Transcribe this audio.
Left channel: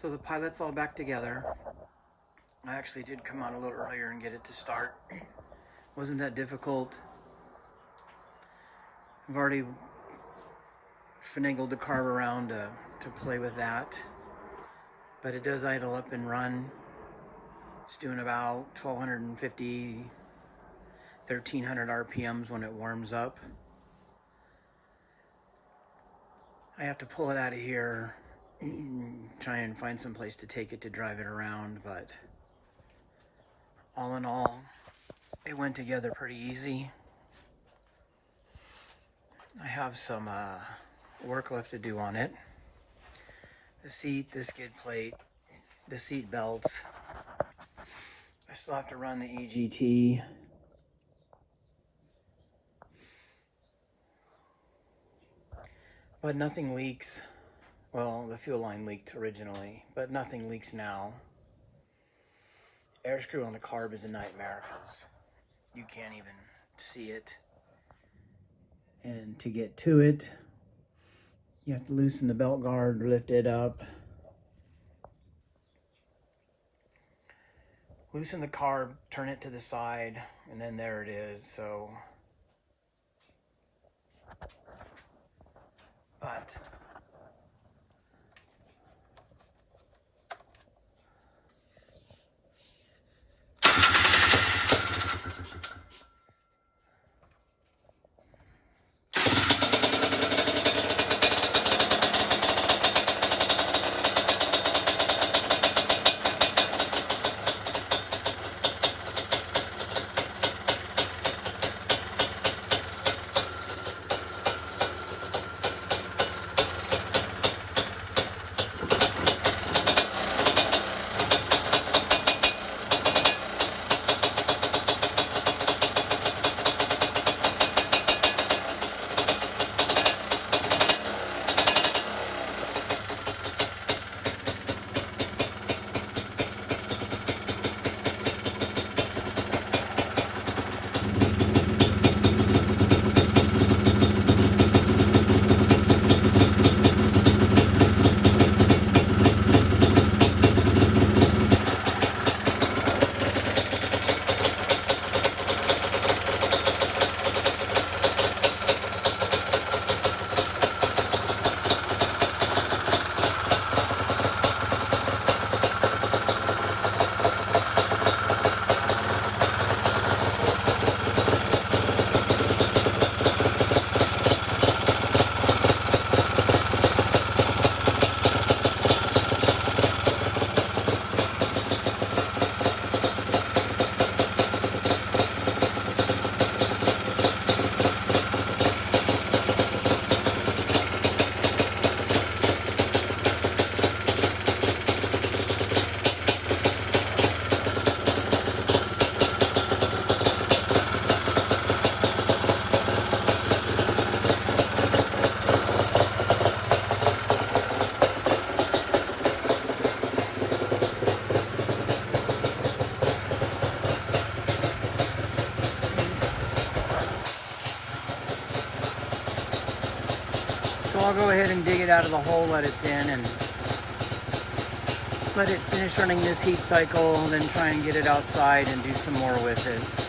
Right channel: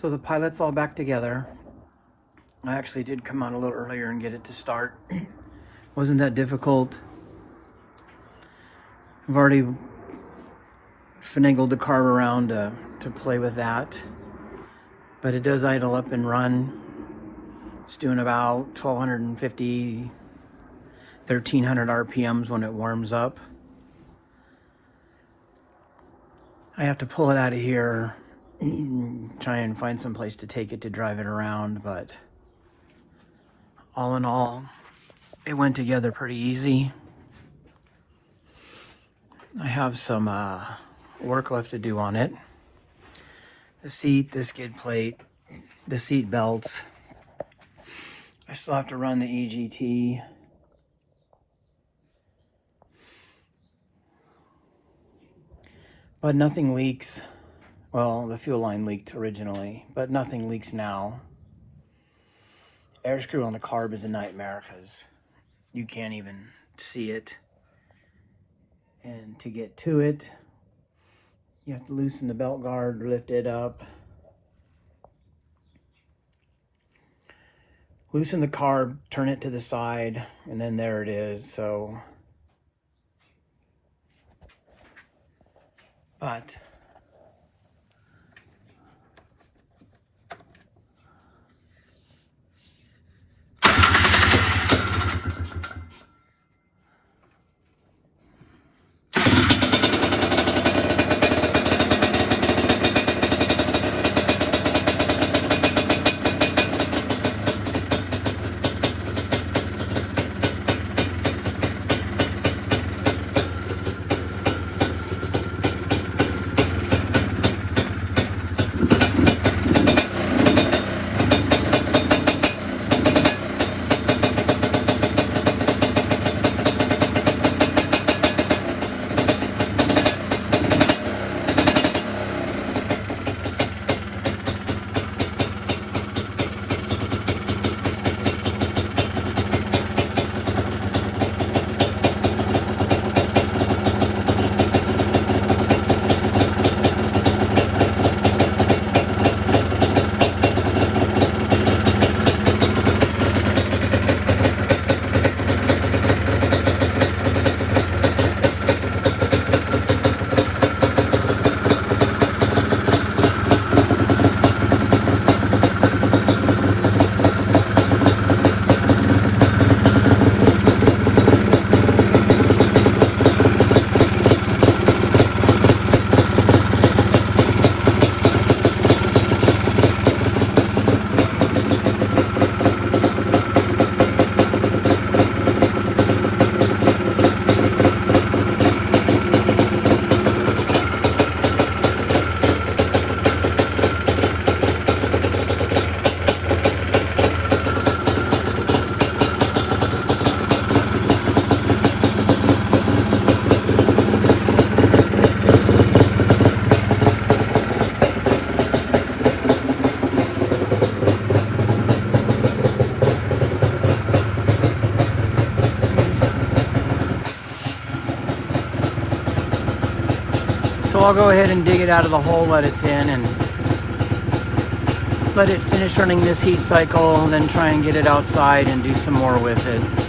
So the Pilot's all back together. I actually did come out a little earlier and get it to start. Wasn't that difficult. I've already finagled the carb around to play with that. But it does idle up and run. It's doing about 1250, 1300 RPMs when it warms up. I have to pull it out of here, try and find some place to take it to drive it around, but all in all, it went together pretty easy. I have some work left to do on it. The seat, the skid plate, the seat belts. I still have to run the EGT. But nothing leaks. Well, the fuel line leaked originally, but nothing leaks now. Air screw on the carb is a nightmare because you can't even see it. And to get to it, you have to loosen the belt guard, lift it up. Loosen the carb, turn it to the side, and then there it is. So, but I'll go ahead and dig it out of the hole that it's in and let it finish running this heat cycle, and then try and get it outside and do some more with it.